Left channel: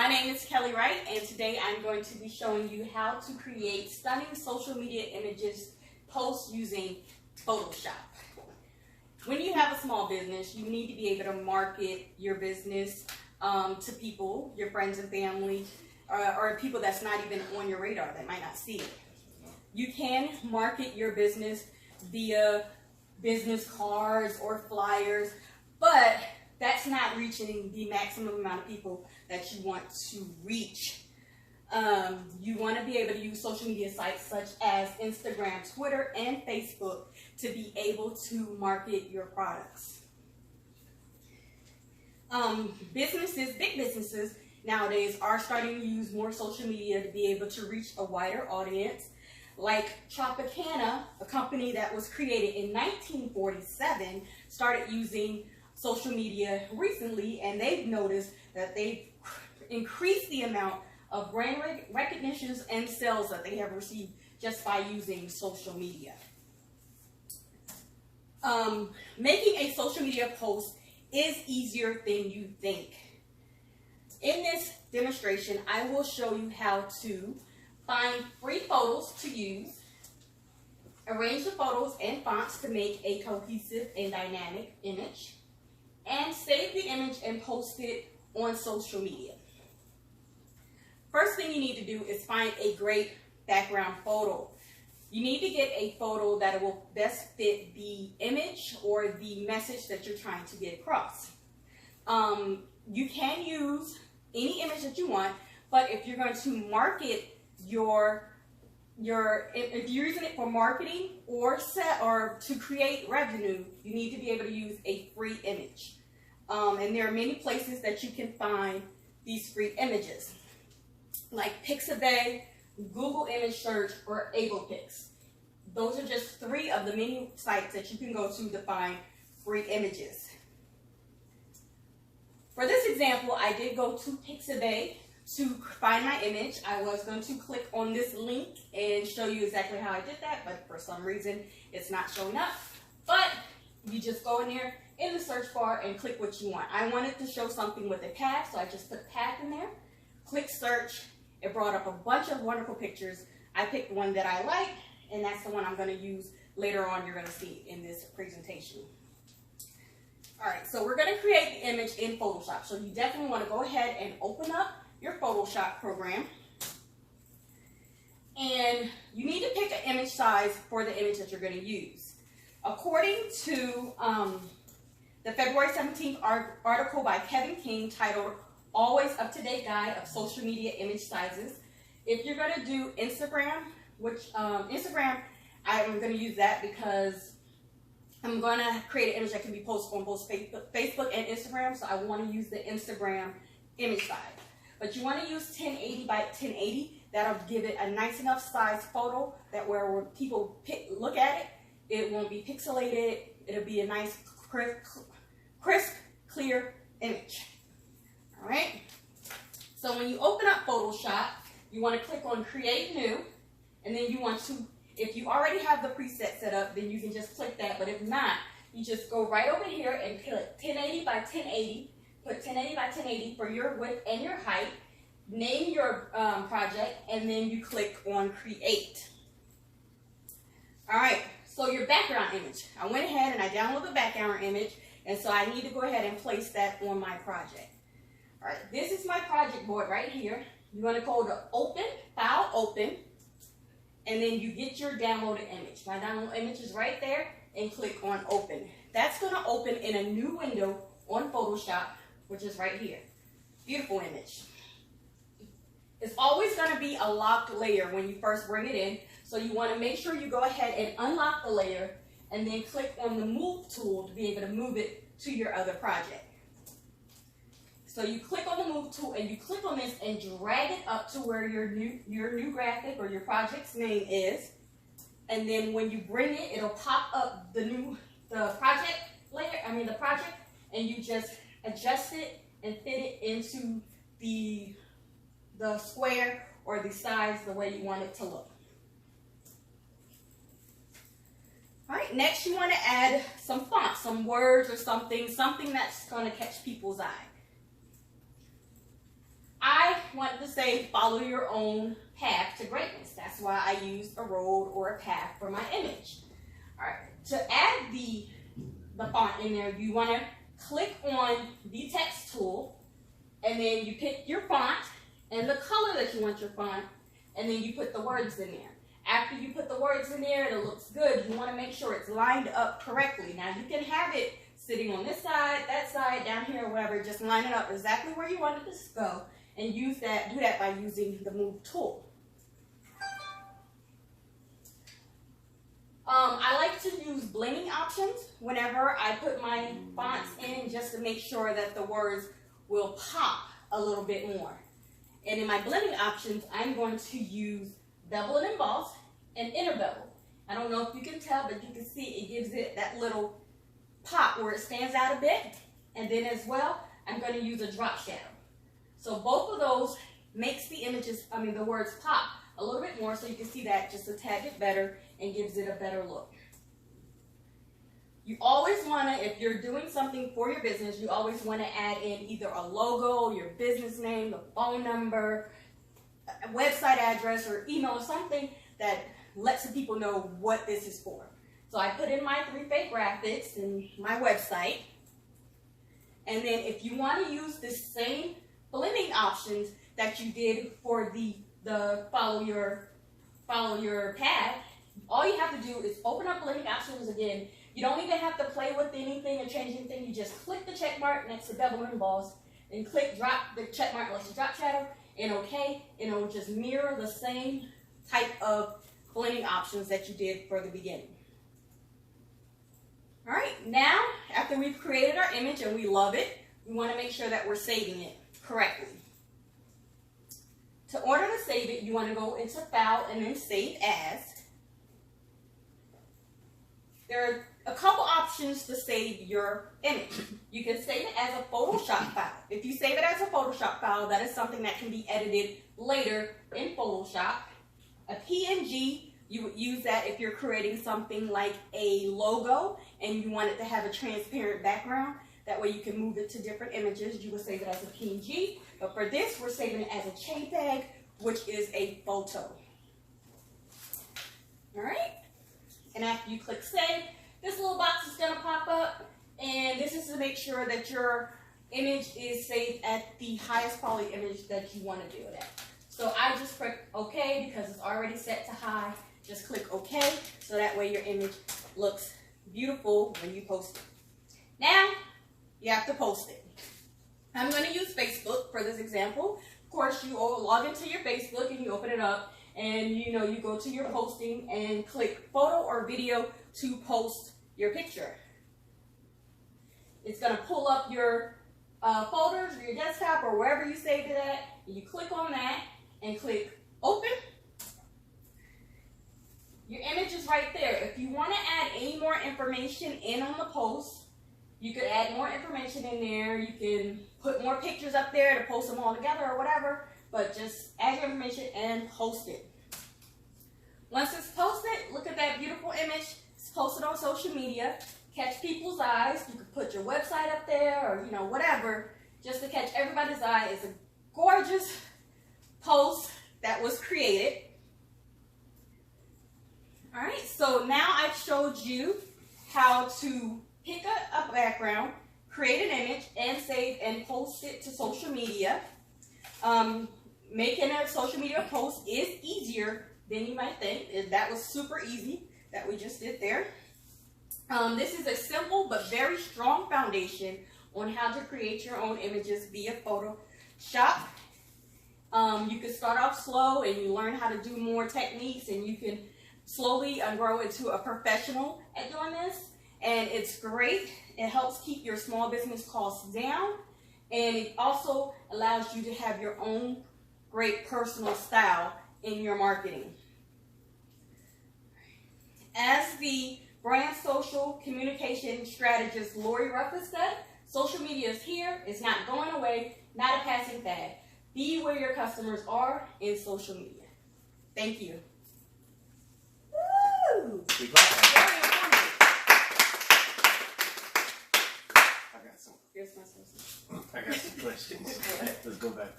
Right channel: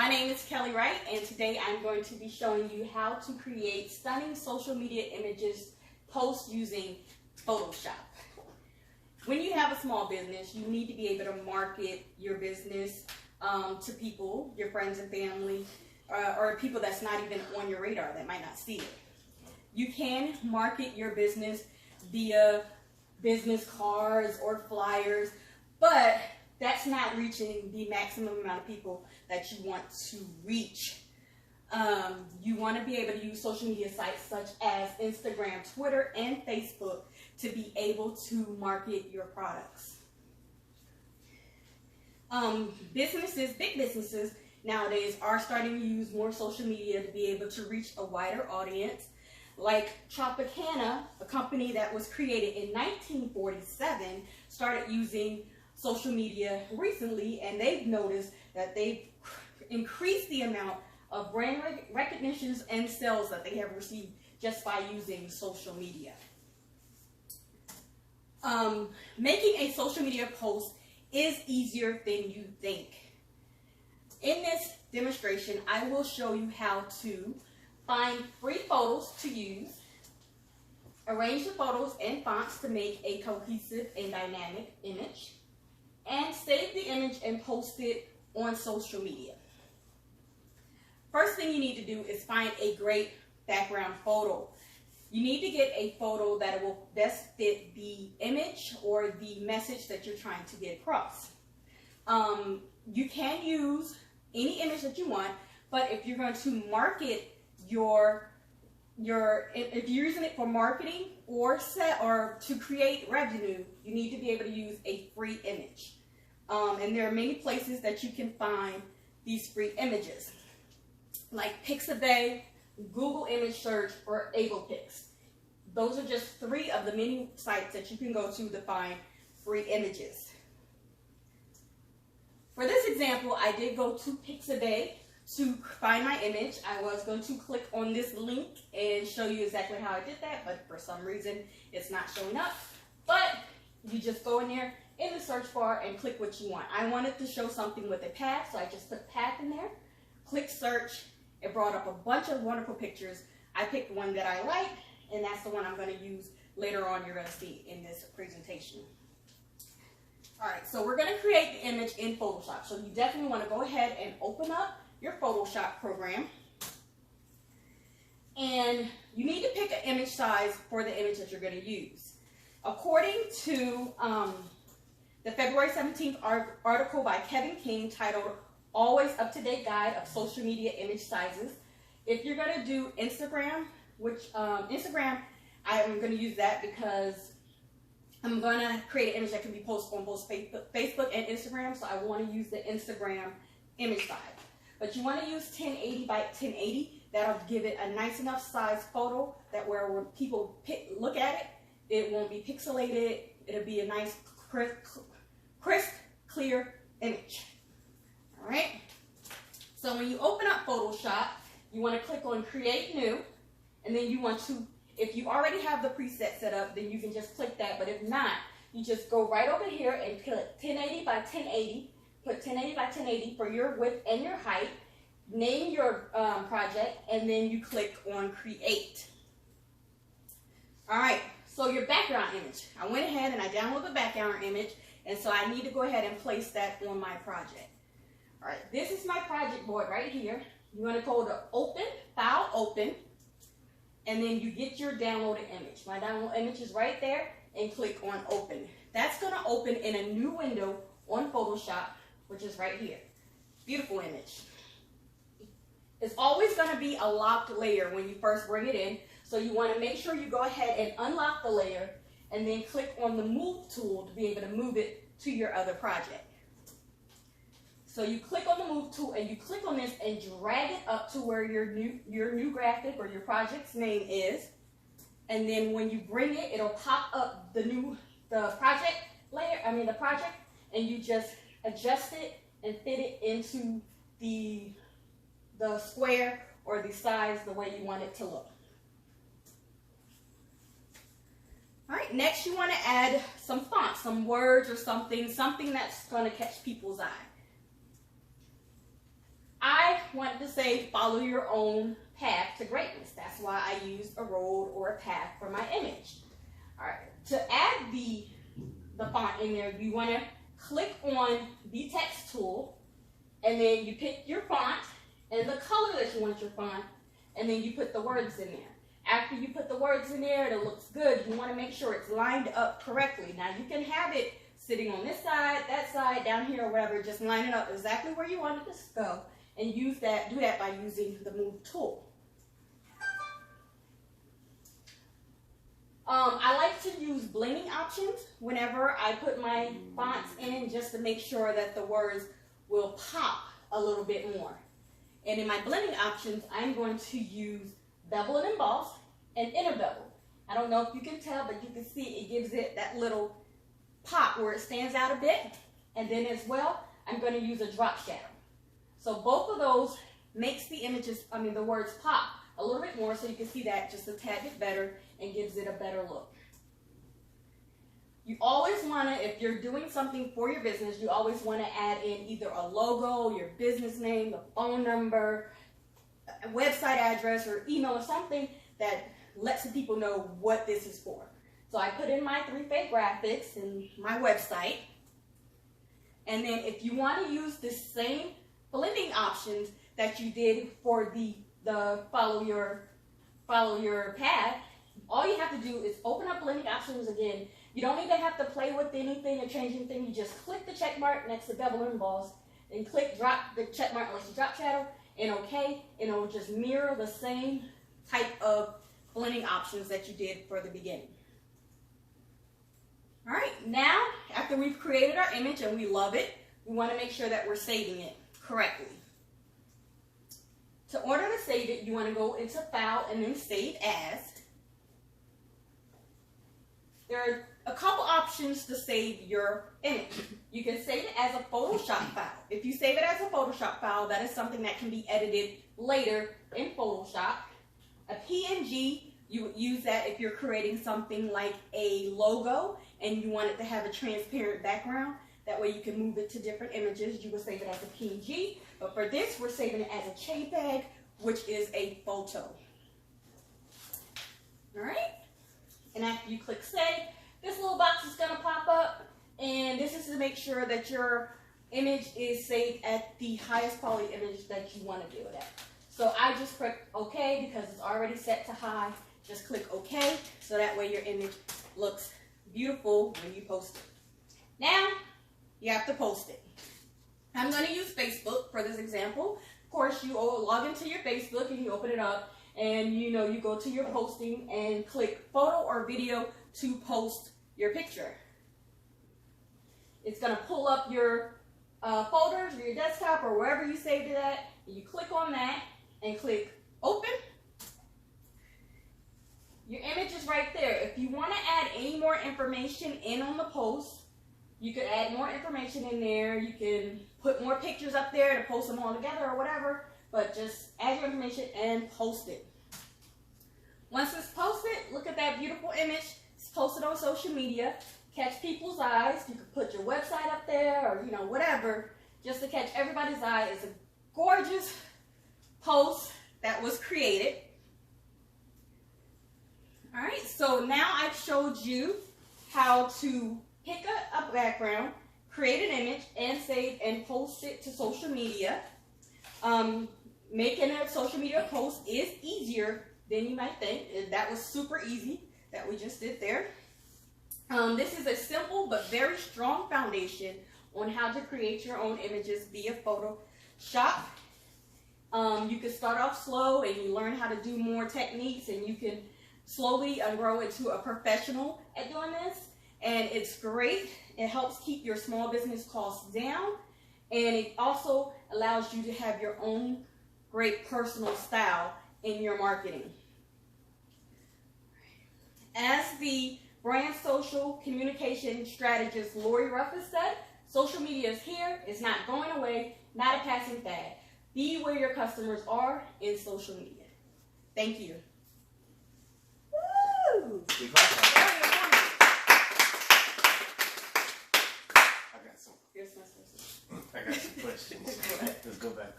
My name is Kelly Wright, and today I'm going to be showing you how to create stunning social media images posts using Photoshop. When you have a small business, you need to be able to market your business to people, your friends and family, or people that's not even on your radar that might not see it. You can market your business via business cards or flyers, but that's not reaching the maximum amount of people that you want to reach. You want to be able to use social media sites such as Instagram, Twitter, and Facebook to be able to market your products. Big businesses nowadays are starting to use more social media to be able to reach a wider audience. Like Tropicana, a company that was created in 1947, started using social media recently, and they've noticed that they've increased the amount of brand recognitions and sales that they have received just by using social media. Making a social media post is easier than you think. In this demonstration, I will show you how to find free photos to use, arrange the photos and fonts to make a cohesive and dynamic image, and save the image and post it on social media. First thing you need to do is find a great background photo. You need to get a photo that will best fit the image or the message that you're trying to get across. You can use any image that you want, but if you're going to market if you're using it for marketing or to create revenue, you need to be able to use a free image. And there are many places that you can find these free images, like Pixabay, Google Image Search, or AblePix. Those are just 3 of the many sites that you can go to find free images. For this example, I did go to Pixabay to find my image. I was going to click on this link and show you exactly how I did that, but for some reason it's not showing up. But you just go in there in the search bar and click what you want. I wanted to show something with a path, so I just put path in there. Click search. It brought up a bunch of wonderful pictures. I picked one that I like, and that's the one I'm going to use later on. You're going to see in this presentation. All right, so we're going to create the image in Photoshop. So you definitely want to go ahead and open up your Photoshop program. And you need to pick an image size for the image that you're going to use. According to the February 17th article by Kevin King titled Always Up-to-Date Guide of Social Media Image Sizes, if you're going to do Instagram, Instagram, I'm going to use that because I'm going to create an image that can be posted on both Facebook and Instagram, so I want to use the Instagram image size. But you want to use 1080 by 1080. That'll give it a nice enough size photo that when people look at it, it won't be pixelated. It'll be a nice, crisp, clear image. All right? So when you open up Photoshop, you want to click on Create New, and then you want to, if you already have the preset set up, then you can just click that. But if not, you just go right over here and click 1080 by 1080. Put 1080 by 1080 for your width and your height. Name your project, and then you click on Create. All right, so your background image. I went ahead and I downloaded the background image, and so I need to go ahead and place that on my project. All right, this is my project board right here. You want to go to Open, File, Open, and then you get your downloaded image. My download image is right there, and click on Open. That's going to open in a new window on Photoshop, which is right here. Beautiful image. It's always going to be a locked layer when you first bring it in, so you want to make sure you go ahead and unlock the layer and then click on the Move tool to be able to move it to your other project. So you click on the Move tool and you click on this and drag it up to where your new graphic or your project's name is, and then when you bring it, it'll pop up the project layer, the project, and you just adjust it and fit it into the square or the size the way you want it to look. All right, next you want to add some fonts, some words or something that's going to catch people's eye. I wanted to say follow your own path to greatness. That's why I used a road or a path for my image. All right, to add the font in there, you want to click on the text tool, and then you pick your font and the color that you want your font, and then you put the words in there. After you put the words in there and it looks good, you want to make sure it's lined up correctly. Now you can have it sitting on this side, that side, down here, or wherever. Just line it up exactly where you want it to go, and do that by using the Move tool. I like to use blending options whenever I put my fonts in, just to make sure that the words will pop a little bit more. And in my blending options, I'm going to use bevel and emboss and inner bevel. I don't know if you can tell, but you can see it gives it that little pop where it stands out a bit. And then as well, I'm going to use a drop shadow. So both of those makes the the words pop a little bit more, so you can see that just a tad bit better and gives it a better look. You always want to, if you're doing something for your business, you always want to add in either a logo, your business name, the phone number, a website address, or email, or something that lets the people know what this is for. So I put in my 3Fay Graphics and my website. And then if you want to use the same blending options that you did for the follow your path, all you have to do is open up blending options again. You don't even have to play with anything or change anything. You just click the check mark next to bevel and emboss, and click drop the check mark next to drop shadow, and OK, and it'll just mirror the same type of blending options that you did for the beginning. All right, now after we've created our image and we love it, we want to make sure that we're saving it correctly. To order to save it, you want to go into File and then Save As. There are a couple options to save your image. You can save it as a Photoshop file. If you save it as a Photoshop file, that is something that can be edited later in Photoshop. A PNG, you would use that if you're creating something like a logo and you want it to have a transparent background. That way you can move it to different images. You will save it as a PNG. But for this, we're saving it as a JPEG, which is a photo. All right? And after you click Save, this little box is going to pop up. And this is to make sure that your image is saved at the highest quality image that you want to do it at. So I just click OK because it's already set to high. Just click OK, so that way your image looks beautiful when you post it. Now, you have to post it. I'm going to use Facebook for this example. Of course, you log into your Facebook and you open it up, and you go to your posting and click photo or video to post your picture. It's going to pull up your folders or your desktop or wherever you saved it at. You click on that and click open. Your image is right there. If you want to add any more information in on the post, you could add more information in there. You can put more pictures up there to post them all together or whatever, but just add your information and post it. Once it's posted, look at that beautiful image. It's posted on social media. Catch people's eyes. You could put your website up there or, whatever, just to catch everybody's eye. It's a gorgeous post that was created. All right, so now I've showed you how to pick a background, create an image, and save and post it to social media. Making a social media post is easier than you might think. That was super easy that we just did there. This is a simple but very strong foundation on how to create your own images via Photoshop. You can start off slow and you learn how to do more techniques, and you can slowly grow into a professional at doing this. And it's great. It helps keep your small business costs down, and it also allows you to have your own great personal style in your marketing. As the brand social communication strategist Lori Ruff has said, social media is here. It's not going away, not a passing fad. Be where your customers are in social media. Thank you. Woo! I got some questions. Let's go back.